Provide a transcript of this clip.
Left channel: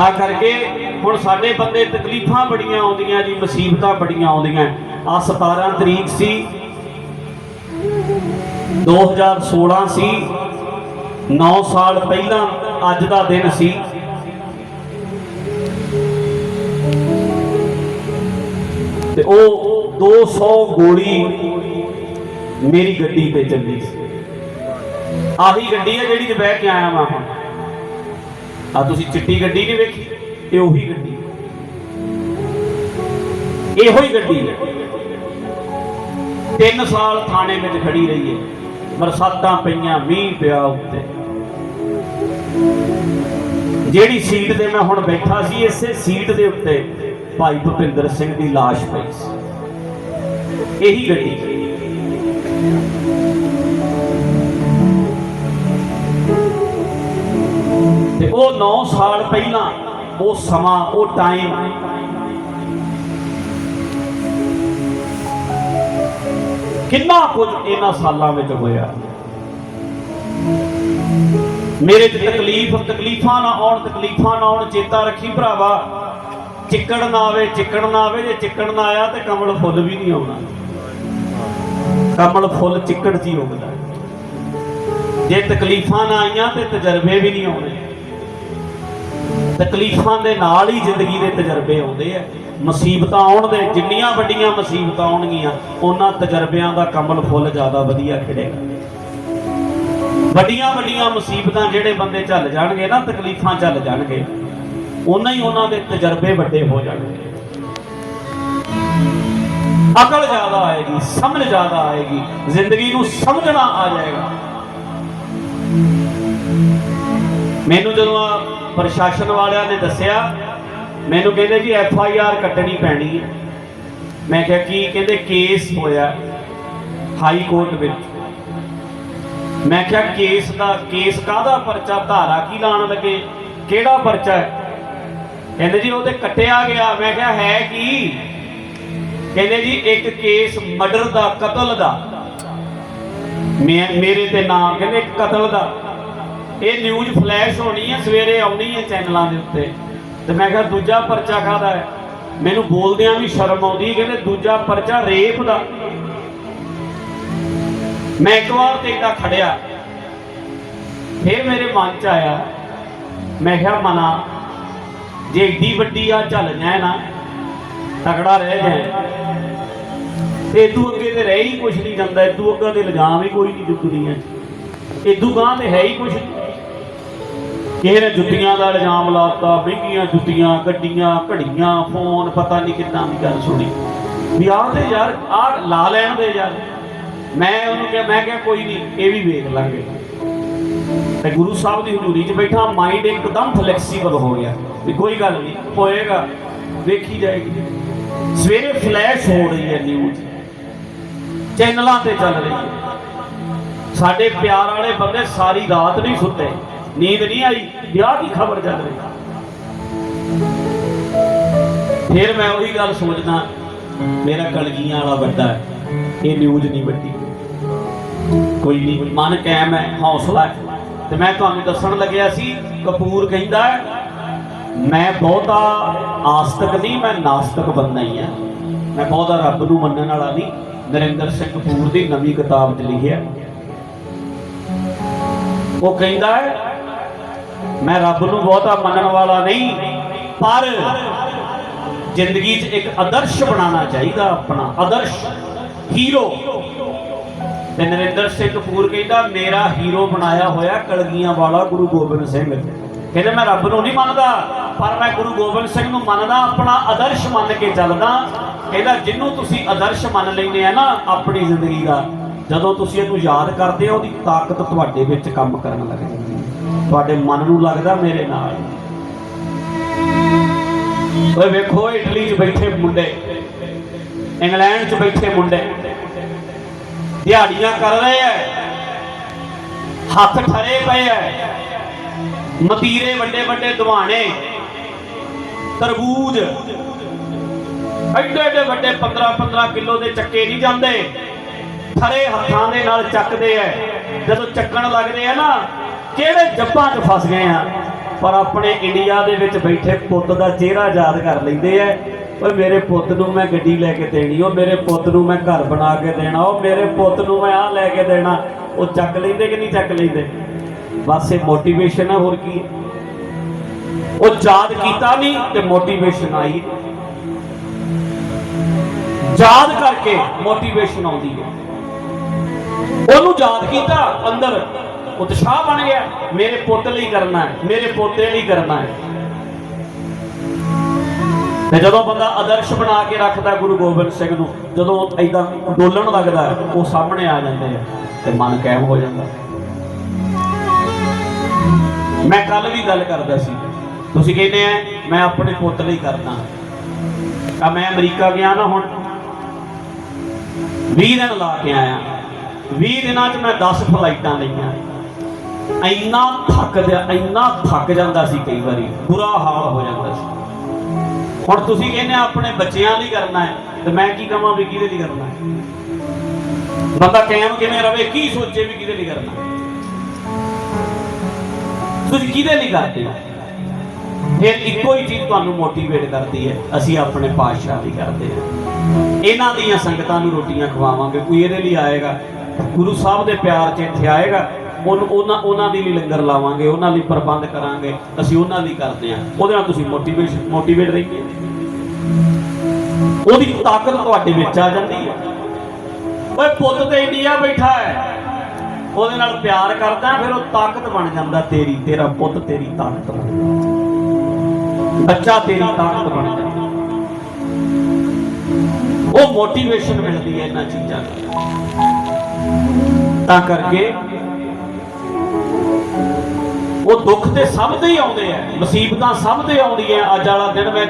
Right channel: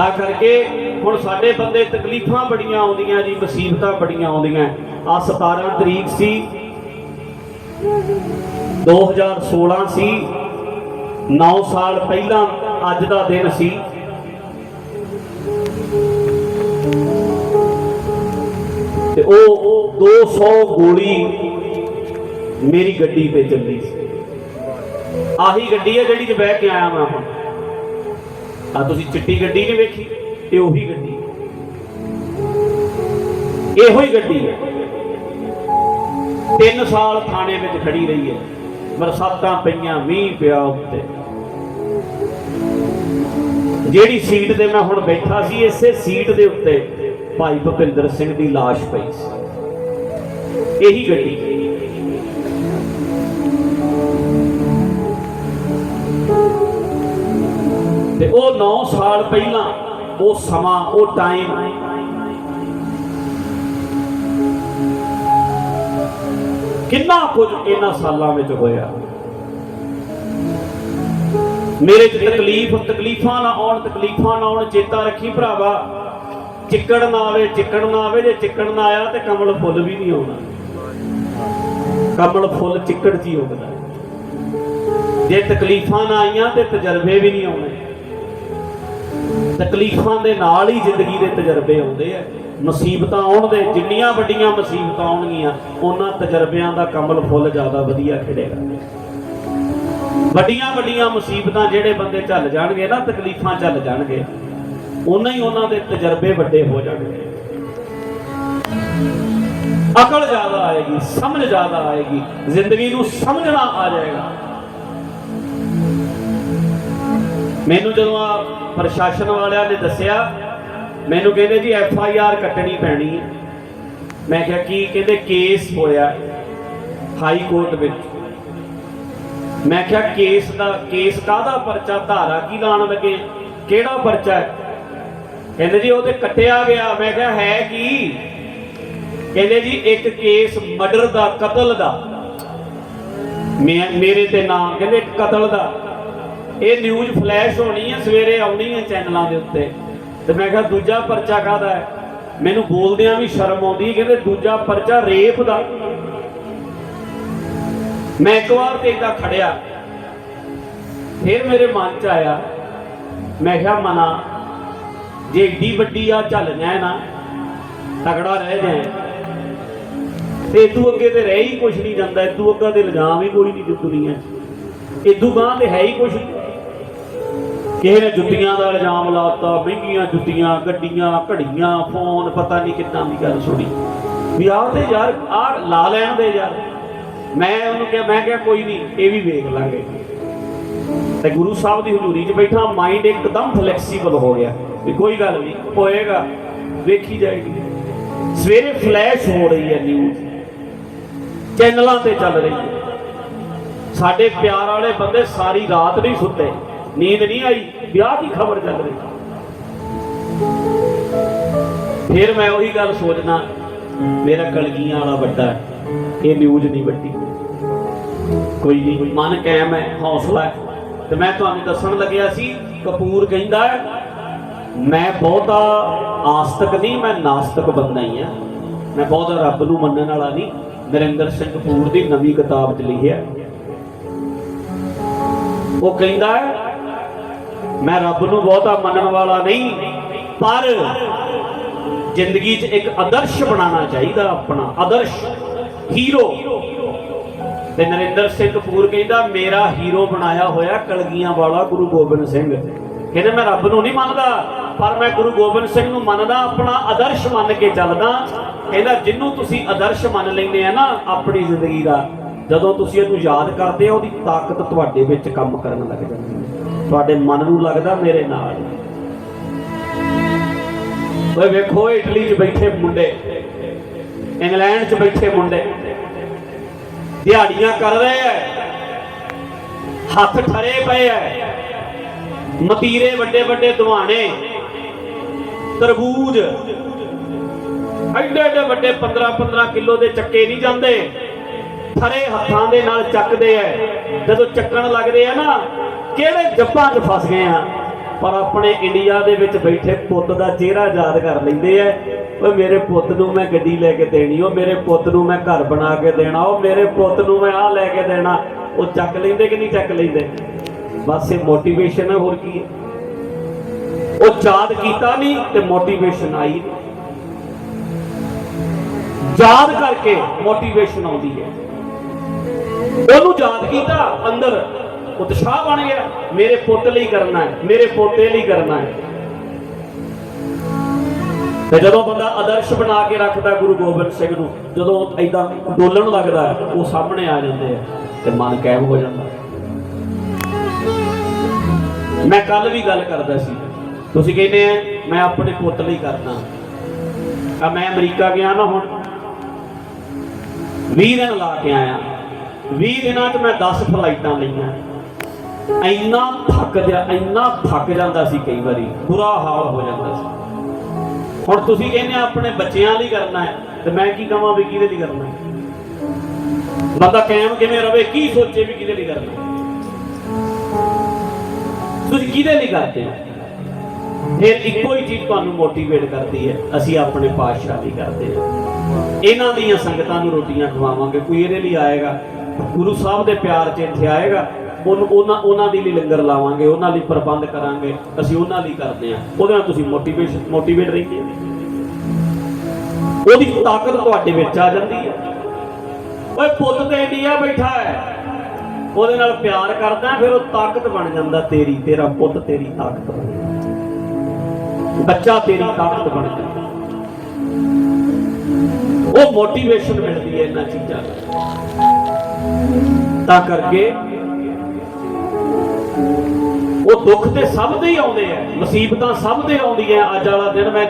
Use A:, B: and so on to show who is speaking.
A: ਤਾਂ ਕਰਕੇ ਹੁਣ ਸਾਡੇ ਬੰਦੇ ਤਕਲੀਫਾਂ ਬੜੀਆਂ ਆਉਂਦੀਆਂ ਜੀ, ਮੁਸੀਬਤਾਂ ਬੜੀਆਂ ਆਉਂਦੀਆਂ। ਆ 17 ਤਰੀਕ ਸੀ। 2016 ਸੀ। 9 ਸਾਲ ਪਹਿਲਾਂ ਅੱਜ ਦਾ ਦਿਨ ਸੀ। ਤੇ ਉਹ 200 ਗੋਲੀ ਮੇਰੀ ਗੱਡੀ ਤੇ ਚੱਲੀ ਸੀ। ਆਹੀ ਗੱਡੀ ਹੈ ਜਿਹੜੀ ਤੇ ਬਹਿ ਕੇ ਆਇਆ ਮੈਂ ਹੁਣ। ਆ ਤੁਸੀਂ ਚਿੱਟੀ ਗੱਡੀ ਨਹੀਂ ਵੇਖੀ, ਇਹ ਉਹੀ ਗੱਡੀ ਇਹੋ ਹੀ ਗੱਡੀ ਹੈ। 3 ਸਾਲ ਥਾਣੇ ਵਿੱਚ ਖੜੀ ਰਹੀ ਹੈ। ਬਰਸਾਤਾਂ ਪਈਆਂ, ਮੀਂਹ ਪਿਆ ਉੱਤੇ। ਜਿਹੜੀ ਸੀਟ ਤੇ ਮੈਂ ਹੁਣ ਬੈਠਾ ਸੀ, ਇਸੇ ਸੀਟ ਦੇ ਉੱਤੇ ਭਾਈ ਭੁਪਿੰਦਰ ਸਿੰਘ ਦੀ ਲਾਸ਼ ਪਈ ਸੀ। ਇਹੀ ਗੱਡੀ ਤੇ ਉਹ 9 ਸਾਲ ਪਹਿਲਾਂ ਉਹ ਸਮਾਂ, ਉਹ ਟਾਈਮ ਕਿੰਨਾ ਕੁਝ ਇਹਨਾਂ ਸਾਲਾਂ ਵਿੱਚ ਹੋਇਆ। ਮੇਰੇ ਚ ਤਕਲੀਫ, ਤਕਲੀਫਾਂ ਨਾ ਆਉਣ, ਤਕਲੀਫਾਂ ਨਾ ਆਉਣ, ਚੇਤਾ ਰੱਖੀ ਭਰਾਵਾ। ਚਿੱਕੜ ਨਾ ਆਵੇ, ਚਿੱਕੜ ਨਾ ਆਵੇ, ਜੇ ਚਿੱਕੜ ਨਾ ਆਇਆ ਤੇ ਕਮਲ ਫੁੱਲ ਵੀ ਨਹੀਂ ਆਉਣਾ। ਕਮਲ ਫੁੱਲ ਚਿੱਕੜ 'ਚ ਹੀ ਉੱਗਦਾ। ਜੇ ਤਕਲੀਫਾਂ ਨਾ ਆਈਆਂ ਤੇ ਤਜਰਬੇ ਵੀ ਨਹੀਂ ਆਉਣੇ। ਤਕਲੀਫਾਂ ਦੇ ਨਾਲ ਹੀ ਜ਼ਿੰਦਗੀ ਦੇ ਤਜਰਬੇ ਆਉਂਦੇ ਆ। ਮੁਸੀਬਤਾਂ ਆਉਣ ਦੇ, ਜਿੰਨੀਆਂ ਵੱਡੀਆਂ ਮੁਸੀਬਤਾਂ ਆਉਣਗੀਆਂ, ਉਹਨਾਂ ਤਜਰਬਿਆਂ ਦਾ ਕਮਲ ਫੁੱਲ ਜ਼ਿਆਦਾ ਵਧੀਆ ਖਿੜੇਗਾ। ਵੱਡੀਆਂ ਵੱਡੀਆਂ ਮੁਸੀਬਤਾਂ ਜਿਹੜੇ ਬੰਦੇ ਚੱਲ ਜਾਣਗੇ ਨਾ, ਤਕਲੀਫਾਂ ਚੱਲ ਜਾਣਗੇ ਉਹਨਾਂ ਹੀ ਉਹਨਾਂ ਦੇ ਤਜਰਬੇ ਵੱਡੇ ਹੋ ਜਾਣਗੇ। ਅਕਲ ਜ਼ਿਆਦਾ ਆਏਗੀ, ਸਮਝ ਜ਼ਿਆਦਾ ਆਏਗੀ, ਜ਼ਿੰਦਗੀ ਨੂੰ ਸਮਝਣਾ ਆ ਜਾਏਗਾ। ਮੈਨੂੰ ਜਦੋਂ ਆ ਪ੍ਰਸ਼ਾਸਨ ਵਾਲਿਆਂ ਨੇ ਦੱਸਿਆ, ਮੈਨੂੰ ਕਹਿੰਦੇ ਜੀ ਐਫ ਆਈ ਆਰ ਕੱਟਣੀ ਪੈਣੀ ਹੈ। ਮੈਂ ਕਿਹਾ, ਕੀ ਕਹਿੰਦੇ ਕੇਸ ਹੋਇਆ ਹਾਈ ਕੋਰਟ ਵਿੱਚ? ਮੈਂ ਕਿਹਾ, ਕੇਸ ਦਾ, ਕੇਸ ਕਾਹਦਾ ਪਰਚਾ? ਧਾਰਾ ਕੀ ਲਾਣ ਲੱਗੇ? ਕਿਹੜਾ ਪਰਚਾ? ਕਹਿੰਦੇ ਜੀ, ਉਹ ਤੇ ਕੱਟਿਆ ਗਿਆ। ਮੈਂ ਕਿਹਾ, ਹੈ ਕੀ? ਕਹਿੰਦੇ ਜੀ, ਇੱਕ ਕੇਸ ਮਰਡਰ ਦਾ, ਕਤਲ ਦਾ। ਮੈਂ, ਮੇਰੇ ਤੇ ਨਾਮ, ਕਹਿੰਦੇ ਕਤਲ ਦਾ। ਇਹ ਨਿਊਜ਼ ਫਲੈਸ਼ ਹੋਣੀ ਹੈ ਸਵੇਰੇ ਆਉਣੀ ਹੈ ਚੈਨਲਾਂ ਦੇ ਉੱਤੇ। ਤੇ ਮੈਂ ਕਿਹਾ ਦੂਜਾ ਪਰਚਾ ਕਾਹਦਾ ਹੈ? ਮੈਨੂੰ ਬੋਲਦਿਆਂ ਵੀ ਸ਼ਰਮ ਆਉਂਦੀ, ਕਹਿੰਦੇ ਦੂਜਾ ਪਰਚਾ ਰੇਪ ਦਾ। ਮੈਂ ਇੱਕ ਵਾਰ ਤੇ ਇਦਾਂ ਖੜਿਆ। ਫਿਰ ਮੇਰੇ ਮਨ ਚ ਆਇਆ। ਮੈਂ ਕਿਹਾ ਮਨਾ, ਜੇ ਏਡੀ ਵੱਡੀ ਆ, ਚੱਲ ਜਾਏ ਨਾ। ਤਗੜਾ ਰਹਿ ਜਾਏ। ਤੇ ਇਦੂ ਅੱਗੇ ਤੇ ਰਹਿ ਹੀ ਕੁਛ ਨਹੀਂ ਜਾਂਦਾ ਇਦੂ ਅੱਗਾ ਤੇ ਇਲਜ਼ਾਮ ਹੀ ਕੋਈ ਨਹੀਂ ਦੁਨੀਆ ਹੈ ਇਦੂ ਗਾਂ ਤੇ ਹੈ ਹੀ ਕੁਛ ਨਹੀਂ। ਕਿਸੇ ਨੇ ਜੁੱਤੀਆਂ ਦਾ ਇਲਜ਼ਾਮ ਲਾਤਾ? ਮਹਿੰਗੀਆਂ ਜੁੱਤੀਆਂ, ਗੱਡੀਆਂ, ਘੜੀਆਂ, ਫੋਨ, ਪਤਾ ਨਹੀਂ ਕਿੰਨਾ ਦੀ ਗੱਲ ਸੁਣੀ। ਵੀ ਆਹ ਤੇ ਯਾਰ, ਆਹ ਲਾ ਲੈਣ ਦੇ ਯਾਰ। ਮੈਂ ਉਹਨੂੰ ਕਿਹਾ, ਮੈਂ ਕਿਹਾ ਕੋਈ ਨਹੀਂ ਇਹ ਵੀ ਵੇਖ ਲਾਂਗੇ। ਤੇ ਗੁਰੂ ਸਾਹਿਬ ਦੀ ਹਜ਼ੂਰੀ 'ਚ ਬੈਠਾ ਮਾਈਂਡ ਇੱਕਦਮ ਫਲੈਕਸੀਬਲ ਹੋ ਗਿਆ। ਵੀ ਕੋਈ ਗੱਲ ਨਹੀਂ ਹੋਏਗਾ, ਵੇਖੀ ਜਾਏਗੀ। ਸਵੇਰੇ ਫਲੈਸ਼ ਹੋ ਰਹੀ ਹੈ ਨਿਊਜ਼ ਚੈਨਲਾਂ ਤੇ ਚੱਲ ਰਹੀ ਹੈ। ਸਾਡੇ ਪਿਆਰ ਵਾਲੇ ਬੰਦੇ ਸਾਰੀ ਰਾਤ ਨਹੀਂ ਸੁੱਤੇ। ਨੀਂਦ ਨਹੀਂ ਆਈ ਵਿਆਹ ਦੀ ਖਬਰ ਚੱਲ ਰਹੀ। ਫਿਰ ਮੈਂ ਉਹੀ ਗੱਲ ਸੋਚਦਾ ਮੇਰਾ ਕਲਗੀਆਂ ਵਾਲਾ ਵੱਡਾ ਇਹ ਨਿਊਜ਼ ਨਹੀਂ ਵੱਡੀ। ਕੋਈ ਨਹੀਂ ਮਨ ਕਾਇਮ ਹੈ ਹੌਸਲਾ ਹੈ। ਤੇ ਮੈਂ ਤੁਹਾਨੂੰ ਦੱਸਣ ਲੱਗਿਆ ਸੀ ਕਪੂਰ ਕਹਿੰਦਾ ਹੈ, ਮੈਂ ਬਹੁਤਾ ਆਸਤਕ ਨਹੀਂ ਮੈਂ ਨਾਸਤਕ ਬੰਦਾ ਹੀ ਆ ਮੈਂ ਬਹੁਤਾ ਰੱਬ ਨੂੰ ਮੰਨਣ ਵਾਲਾ ਨਹੀਂ ਨਰਿੰਦਰ ਸਿੰਘ ਕਪੂਰ ਦੀ ਨਵੀਂ ਕਿਤਾਬ 'ਚ ਲਿਖਿਆ। ਉਹ ਕਹਿੰਦਾ ਹੈ ਮੈਂ ਰੱਬ ਨੂੰ ਬਹੁਤਾ ਮੰਨਣ ਵਾਲਾ ਨਹੀਂ, ਪਰ ਜ਼ਿੰਦਗੀ 'ਚ ਇੱਕ ਆਦਰਸ਼ ਬਣਾਉਣਾ ਚਾਹੀਦਾ ਆਪਣਾ, ਆਦਰਸ਼ ਹੀਰੋ। ਤੇ ਨਰਿੰਦਰ ਸਿੰਘ ਕਪੂਰ ਕਹਿੰਦਾ, ਮੇਰਾ ਹੀਰੋ ਬਣਾਇਆ ਹੋਇਆ ਕਲਗੀਆਂ ਵਾਲਾ ਗੁਰੂ ਗੋਬਿੰਦ ਸਿੰਘ। ਕਹਿੰਦੇ, ਮੈਂ ਰੱਬ ਨੂੰ ਨਹੀਂ ਮੰਨਦਾ, ਪਰ ਮੈਂ ਗੁਰੂ ਗੋਬਿੰਦ ਸਿੰਘ ਨੂੰ ਮੰਨਦਾ, ਆਪਣਾ ਆਦਰਸ਼ ਮੰਨ ਕੇ ਚੱਲਦਾ। ਕਹਿੰਦਾ ਜਿੰਨੂੰ ਤੁਸੀਂ ਆਦਰਸ਼ ਮੰਨ ਲੈਂਦੇ ਆ ਨਾ, ਆਪਣੀ ਜ਼ਿੰਦਗੀ ਦਾ, ਜਦੋਂ ਤੁਸੀਂ ਇਹਨੂੰ ਯਾਦ ਕਰਦੇ ਹੋ, ਉਹਦੀ ਤਾਕਤ ਤੁਹਾਡੇ ਵਿੱਚ ਕੰਮ ਕਰਨ ਲੱਗ ਜਾਂਦੀ ਹੈ। ਤੁਹਾਡੇ ਮਨ ਨੂੰ ਲੱਗਦਾ ਮੇਰੇ ਨਾਲ? ਓਏ ਵੇਖੋ, ਇਟਲੀ 'ਚ ਬੈਠੇ ਮੁੰਡੇ, ਇੰਗਲੈਂਡ 'ਚ ਬੈਠੇ ਮੁੰਡੇ, ਦਿਹਾੜੀਆਂ ਕਰ ਰਹੇ ਐ, ਹੱਥ ਠਰੇ ਪਏ ਐ, ਮਤੀਰੇ ਵੱਡੇ ਵੱਡੇ ਦਿਵਾਣੇ, ਤਰਬੂਜ, ਐਡੇ ਐਡੇ ਵੱਡੇ 15 15 ਕਿਲੋ ਦੇ ਚੱਕੇ ਨਹੀਂ ਜਾਂਦੇ, ਠਰੇ ਹੱਥਾਂ ਦੇ ਨਾਲ ਚੱਕਦੇ ਐ, ਜਦੋਂ ਚੱਕਣ ਲੱਗਦੇ ਆ ਨਾ ਕਿਹੜੇ ਜੱਪਾਂ 'ਚ ਫਸ ਗਏ ਆ? ਪਰ ਆਪਣੇ ਇੰਡੀਆ ਦੇ ਵਿੱਚ ਬੈਠੇ ਪੁੱਤ ਦਾ ਚਿਹਰਾ ਯਾਦ ਕਰ ਲੈਂਦੇ ਐ ਓਏ, ਮੇਰੇ ਪੁੱਤ ਨੂੰ ਮੈਂ ਗੱਡੀ ਲੈ ਕੇ ਦੇਣੀ, ਉਹ ਮੇਰੇ ਪੁੱਤ ਨੂੰ ਮੈਂ ਘਰ ਬਣਾ ਕੇ ਦੇਣਾ, ਉਹ ਮੇਰੇ ਪੁੱਤ ਨੂੰ ਮੈਂ ਆਹ ਲੈ ਕੇ ਦੇਣਾ। ਉਹ ਚੱਕ ਲੈਂਦੇ ਕਿ ਨਹੀਂ ਚੱਕ ਲੈਂਦੇ? ਬਸ ਇਹ ਮੋਟੀਵੇਸ਼ਨ ਹੈ ਹੋਰ ਕੀ? ਉਹ ਯਾਦ ਕੀਤਾ ਨਹੀਂ ਤੇ ਮੋਟੀਵੇਸ਼ਨ ਆਈ। ਯਾਦ ਕਰਕੇ ਮੋਟੀਵੇਸ਼ਨ ਆਉਂਦੀ ਹੈ। ਉਹਨੂੰ ਯਾਦ ਕੀਤਾ, ਅੰਦਰ। ਉਤਸ਼ਾਹ ਬਣ ਗਿਆ, ਮੇਰੇ ਪੁੱਤ ਲਈ ਕਰਨਾ ਹੈ, ਮੇਰੇ ਪੋਤੇ ਲਈ ਕਰਨਾ ਹੈ। ਤੇ ਜਦੋਂ ਬੰਦਾ ਆਦਰਸ਼ ਬਣਾ ਕੇ ਰੱਖਦਾ ਗੁਰੂ ਗੋਬਿੰਦ ਸਿੰਘ ਨੂੰ, ਜਦੋਂ ਐਦਾਂ ਡੋਲਣ ਲੱਗਦਾ ਉਹ ਸਾਹਮਣੇ ਆ ਜਾਂਦੇ ਤੇ ਮਨ ਕਾਇਮ ਹੋ ਜਾਂਦਾ। ਮੈਂ ਕੱਲ ਵੀ ਗੱਲ ਕਰਦਾ ਸੀ, ਤੁਸੀਂ ਕਹਿੰਦੇ ਆ, ਮੈਂ ਆਪਣੇ ਪੁੱਤ ਲਈ ਕਰਨਾ ਆ ਮੈਂ ਅਮਰੀਕਾ ਗਿਆ ਨਾ ਹੁਣ 20 ਦਿਨ ਲਾ ਕੇ ਆਇਆ। 20 ਦਿਨਾਂ 'ਚ ਮੈਂ 10 ਫਲਾਈਟਾਂ ਲਈਆਂ। ਇੰਨਾ ਥੱਕ ਜਾ, ਇੰਨਾ ਥੱਕ ਜਾਂਦਾ ਸੀ ਕਈ ਵਾਰੀ, ਬੁਰਾ ਹਾਲ ਹੋ ਜਾਂਦਾ ਸੀ। ਹੁਣ ਤੁਸੀਂ ਕਹਿੰਦੇ ਆਪਣੇ ਬੱਚਿਆਂ ਲਈ ਕਰਨਾ ਹੈ, ਤੇ ਮੈਂ ਕੀ ਕਹਾਂ ਵੀ ਕਿਹਦੇ ਲਈ ਕਰਨਾ ਹੈ? ਮਤਾ ਕਾਇਮ ਕਿਵੇਂ ਰਵੇ, ਕੀ ਸੋਚੇ ਵੀ ਕਿਹਦੇ ਲਈ ਕਰਨਾ ਤੁਸੀਂ ਕਿਹਦੇ ਲਈ ਕਰਦੇ ਹੋ? ਫਿਰ ਇੱਕੋ ਹੀ ਚੀਜ਼ ਤੁਹਾਨੂੰ ਮੋਟੀਵੇਟ ਕਰਦੀ ਹੈ, ਅਸੀਂ ਆਪਣੇ ਪਾਤਸ਼ਾਹ ਲਈ ਕਰਦੇ ਹਾਂ। ਇਹਨਾਂ ਦੀਆਂ ਸੰਗਤਾਂ ਨੂੰ ਰੋਟੀਆਂ ਖਵਾਵਾਂਗੇ, ਕੋਈ ਇਹਦੇ ਲਈ ਆਏਗਾ, ਗੁਰੂ ਸਾਹਿਬ ਦੇ ਪਿਆਰ 'ਚ ਇੱਥੇ ਆਏਗਾ ਉਹਨੂੰ ਉਹਨਾਂ ਉਹਨਾਂ ਦੇ ਲਈ ਲੰਗਰ ਲਾਵਾਂਗੇ, ਉਹਨਾਂ ਲਈ ਪ੍ਰਬੰਧ ਕਰਾਂਗੇ, ਅਸੀਂ ਉਹਨਾਂ ਲਈ ਕਰਦੇ ਹਾਂ। ਉਹਦੇ ਨਾਲ ਤੁਸੀਂ ਮੋਟੀਵੇਸ਼ਨ ਮੋਟੀਵੇਟ ਰਹਿੰਦੇ ਉਹਦੀ ਤਾਕਤ ਤੁਹਾਡੇ ਵਿੱਚ ਆ ਜਾਂਦੀ ਹੈ। ਓਏ ਪੁੱਤ ਤੇ ਇੰਡੀਆ ਬੈਠਾ ਹੈ। ਉਹਦੇ ਨਾਲ ਪਿਆਰ ਕਰਦਾ, ਫਿਰ ਉਹ ਤਾਕਤ ਬਣ ਜਾਂਦਾ, ਤੇਰੀ, ਤੇਰਾ ਪੁੱਤ ਤੇਰੀ ਤਾਕਤ ਬਣ ਬੱਚਾ ਤੇਰੀ ਤਾਕਤ ਬਣ ਜਾਂਦਾ। ਉਹ ਮੋਟੀਵੇਸ਼ਨ ਮਿਲਦੀ ਹੈ ਇਹਨਾਂ ਚੀਜ਼ਾਂ ਨਾਲ। ਤਾਂ ਕਰਕੇ ਉਹ ਦੁੱਖ ਤੇ ਸਭ ਦੇ ਹੀ ਆਉਂਦੇ ਆ, ਮੁਸੀਬਤਾਂ ਸਭ ਦੇ ਆਉਂਦੀਆਂ ਅੱਜ ਵਾਲਾ ਦਿਨ ਮੈਂ